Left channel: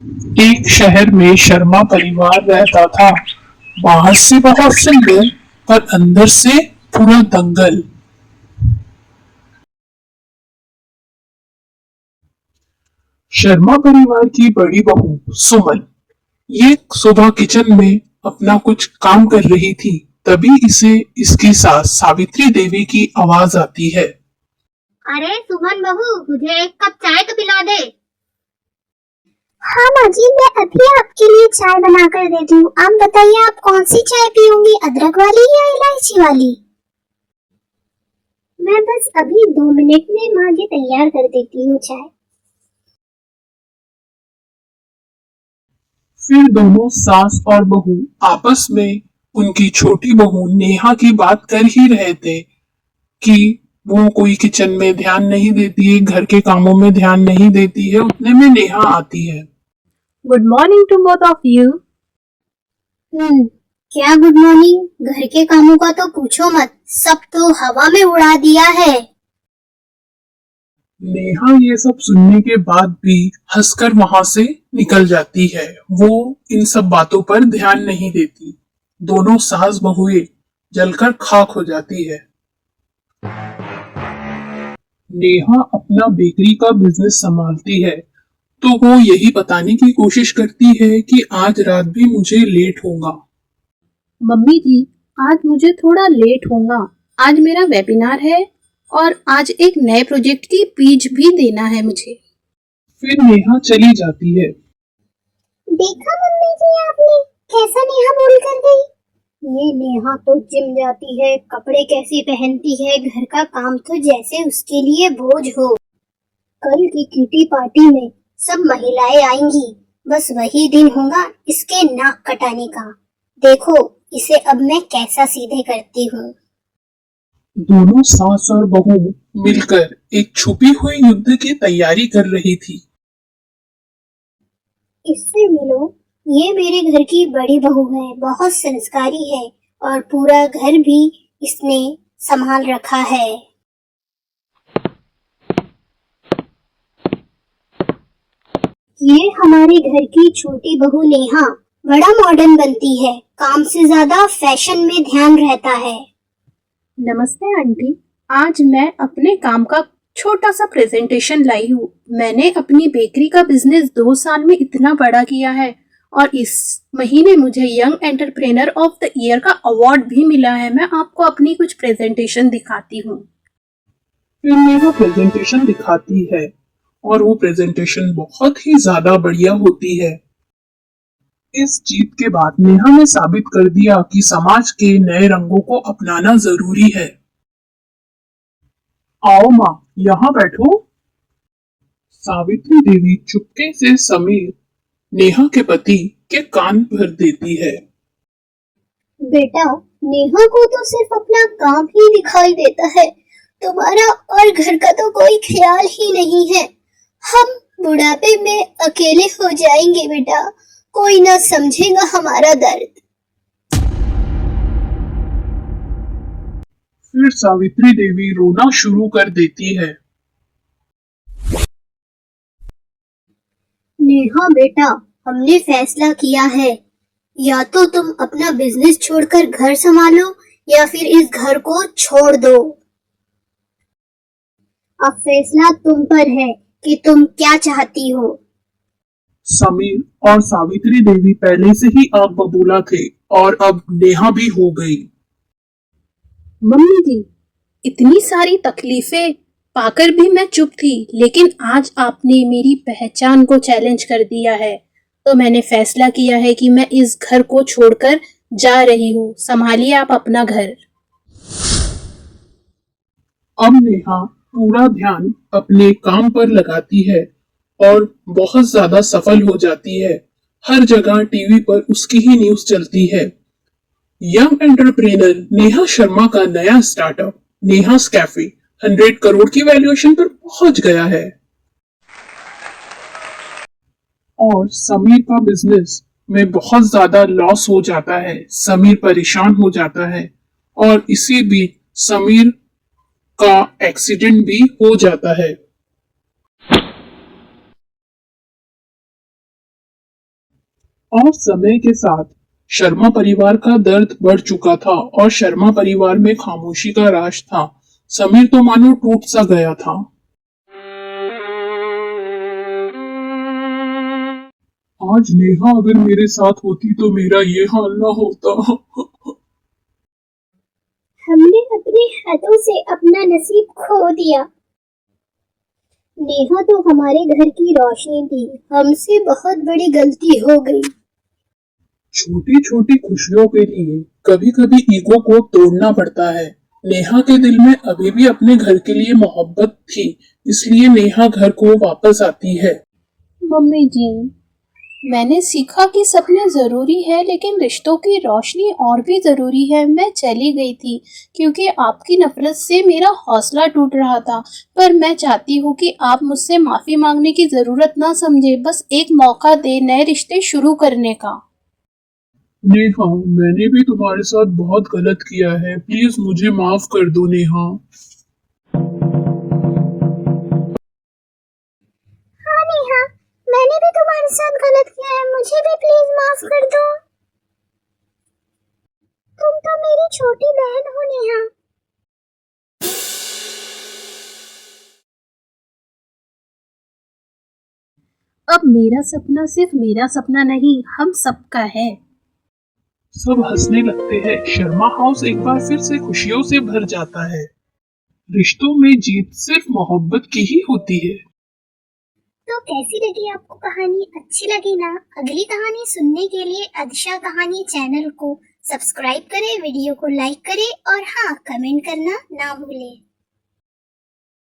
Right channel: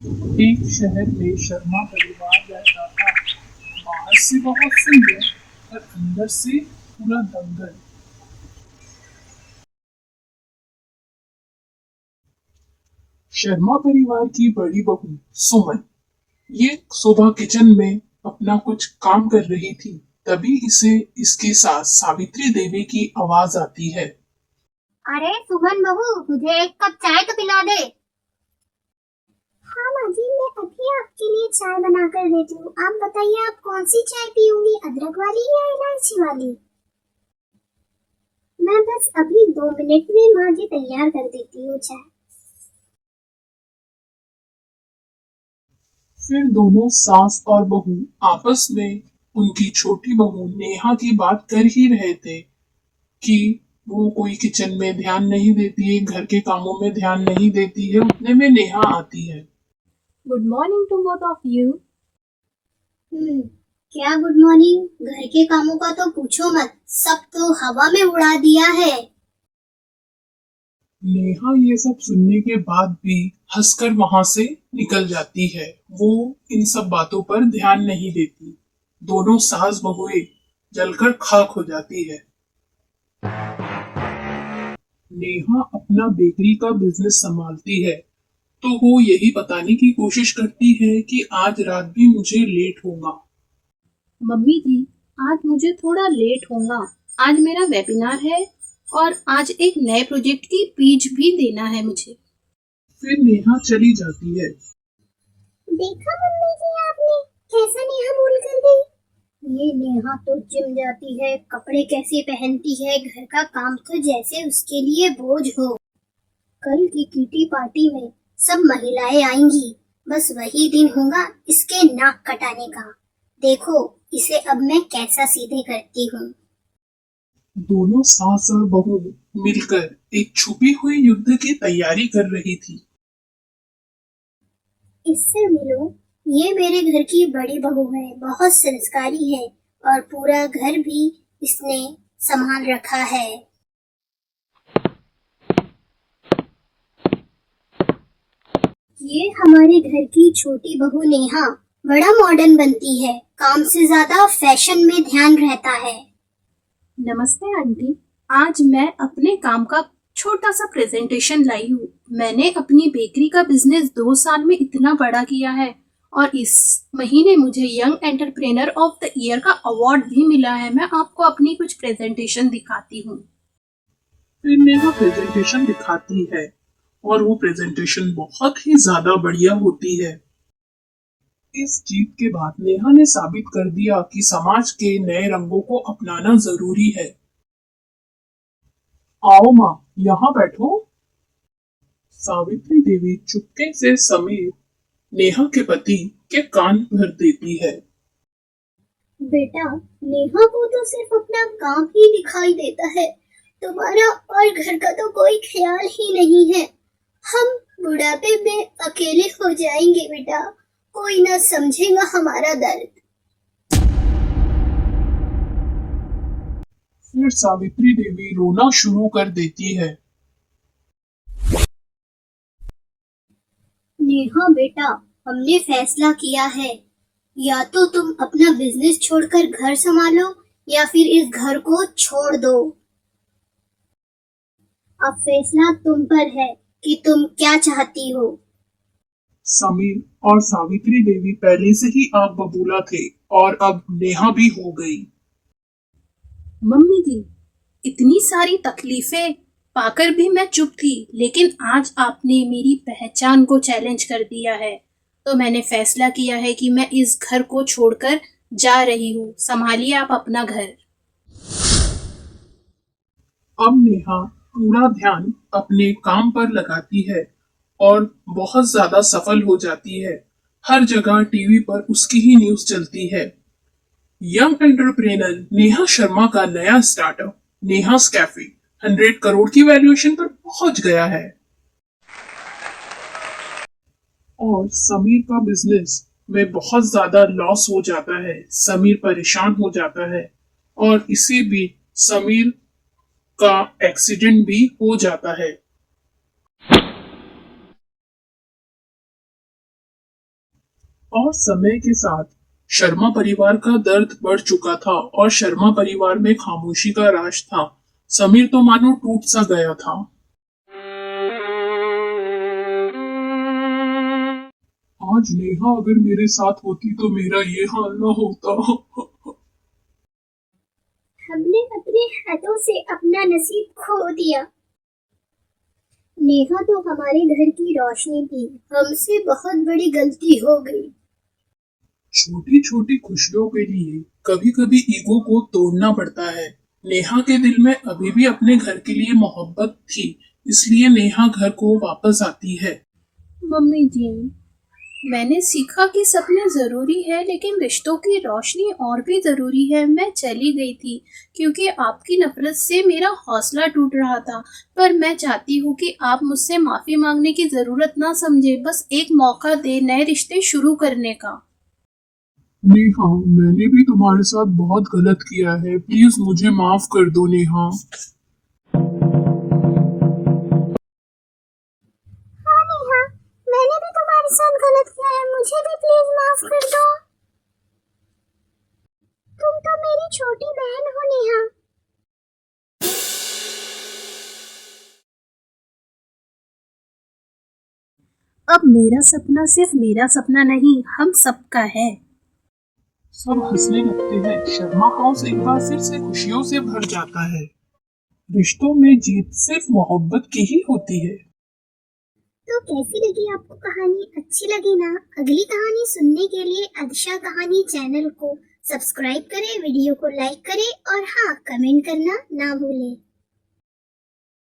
एक शहर में शर्मा परिवार रहता था। बाहर से बहुत सुंदर, पर अंदर से पूरा दंगल। शर्मा परिवार की बड़ी बहू सुमन ये सुबह किचन में अपना कुछ काम कर रही थी। तभी इसे इसकी सास सावित्री देवी की आवाज आती है। अरे सुमन बहू, मुझे एक कप चाय तो पिला दे। हाँ माँ जी, मैं अभी आपके लिए चाय बना कर देती हूँ। आप बताइए, आप कौन सी चाय पियोंगी, अदरक वाली या इलायची वाली? मैं बस अभी 2 मिनट में माँ जी तैयार कर देती हूँ चाय। फिर दोनों सास और बहू आपस में उनकी छोटी बहू नेहा की बात कर ही रहे थे कि वो कोई किचन में ध्यान नहीं देती है, घर के कामों में ध्यान नहीं देती है। उतने में नेहा आती है। Good morning to both of you. क्या गुड मॉर्निंग? घर के कामों का तो पूछो मत, सब तो हवा में उड़ा दिया है। नेहा ये सब सुनने के बाद भी हंसकर वहां से निकल जाती है। वो इन सब बातों पर ध्यान नहीं देती। दोनों सास बहुएं जलकर खाक हो जाती है। नेहा अपना बेकरी का बिजनेस संभालती है, तो वो यही बताने की कोशिश करती है कि आज रात भी मुझे लेट होगा। मम्मी जी, आज मुझे थोड़ा लेट होगा। आज मेरा वेबिनार है और आज एक नए प्रोजेक्ट की पिच भी देना है मुझे। फिर नेहा चली जाती है। देखा मम्मी जी आपने, कैसा नेहा बोल कर गई। ये नेहा तो जिम जाती है, कपड़े कैसी पहनती है, घर का काम तो जैसे उसके लिए बोझ हो। कल की किटी पार्टी में सब महिलाएं आएंगी, बस वही दिन होगा इसके नाक कटाने का। देखो इसे अब मैं कैसा सीधे करती हूँ। दोनों सास और बहू मिलकर एक छुपी हुई युद्ध की तैयारी कर रही थी। इससे मिलो, ये मेरे घर की बड़ी बहू है, बहुत संस्कारी है और पूरा घर भी इसने संभाल रखा है। ये हमारे घर की छोटी बहू नेहा बड़ा मॉडर्न बनती है, काम से ज्यादा फैशन में ध्यान रहता है। नमस्ते आंटी, आज मैं अपने काम का छोटा सा प्रेजेंटेशन लाई हूँ। मैंने अपनी बेकरी का बिजनेस 2 साल में इतना बड़ा किया है और इस महीने मुझे young entrepreneur of the year का अवार्ड भी मिला है। मैं आपको अपनी कुछ प्रेजेंटेशन दिखाती हूँ। फिर नेहा प्रेजेंटेशन दिखाती है और वो प्रेजेंटेशन बहुत ही ज्यादा बढ़िया होती है। इस जीत के बाद नेहा ने साबित कर दिया कि समाज के नए रंगों को अपनाना जरूरी है। आओ माँ, यहाँ बैठो। सावित्री देवी चुपके से समीर, नेहा के पति, के कान भर देती है। बेटा, नेहा को तो सिर्फ अपना काम ही दिखाई देता है, तुम्हारा और घर का तो कोई ख्याल ही नहीं है। हम बुढ़ापे में अकेले हो जाएंगे बेटा, कोई ना समझेगा हमारा दर्द। फिर सावित्री देवी रोना शुरू कर देती है। नेहा बेटा, हमने फैसला किया है, या तो तुम अपना बिजनेस छोड़कर घर संभालो या फिर इस घर को छोड़ दो। अब फैसला तुम पर है कि तुम क्या चाहती हो। समीर और सावित्री देवी पहले से ही आग बबूला थे और अब नेहा भी हो गई। मम्मी जी, इतनी सारी तकलीफें पाकर भी मैं चुप थी, लेकिन आज आपने मेरी पहचान को चैलेंज कर दिया है, तो मैंने फैसला किया है कि मैं इस घर को छोड़कर जा रही हूँ। संभालिए आप अपना घर। अब नेहा पूरा ध्यान अपने काम पर लगाती है और बहुत ज्यादा सफल हो जाती है। हर जगह टीवी पर उसकी ही न्यूज चलती है। यंग एंटरप्रेनर नेहा शर्मा का नया स्टार्टअप नेहास कैफे 100 करोड़ की वैल्यूएशन पर पहुंच गया है। और समीर का बिजनेस में बहुत ज्यादा लॉस हो जाता है। समीर परेशान हो जाता है और इसी बीच समीर का एक्सीडेंट भी हो जाता है। और समय के साथ शर्मा परिवार का दर्द बढ़ चुका था और शर्मा परिवार में खामोशी का राज था। समीर तो मानो टूट सा गया था। आज नेहा अगर मेरे साथ होती तो मेरा ये हाल ना होता। हमने अपने हाथों से अपना नसीब खो दिया। नेहा तो हमारे घर की रोशनी थी, हमसे बहुत बड़ी गलती हो गई। छोटी छोटी खुशियों के लिए कभी कभी ईगो को तोड़ना पड़ता है। नेहा के दिल में अभी भी अपने घर के लिए मोहब्बत थी, इसलिए नेहा घर को वापस आती है। मम्मी जी, मैंने सीखा कि सपने ज़रूरी है लेकिन रिश्तों की रोशनी और भी ज़रूरी है। मैं चली गई थी क्योंकि आपकी नफ़रत से मेरा हौसला टूट रहा था, पर मैं चाहती हूँ कि आप मुझसे माफ़ी मांगने की ज़रूरत ना समझे, बस एक मौका दे नए रिश्ते शुरू करने का। नेहा, मैंने भी तुम्हारे साथ बहुत गलत किया है, प्लीज मुझे माफ कर दो नेहा। हाँ नेहा, मैंने भी तुम्हारे साथ गलत किया है, मुझे भी प्लीज माफ कर दो। तुम तो मेरी छोटी बहन हो नेहा। अब मेरा सपना सिर्फ मेरा सपना नहीं, हम सबका है। सब हंसने लगते हैं। शर्मा हाउस एक बार फिर से खुशियों से भर जाता है। रिश्तों में जीत सिर्फ मोहब्बत की ही होती है। तो कैसी लगी आपको कहानी? अच्छी लगी ना? अगली कहानी सुनने के लिए अदिशा कहानी चैनल को सब्सक्राइब करें, वीडियो को लाइक करें और हाँ, कमेंट करना ना भूलें।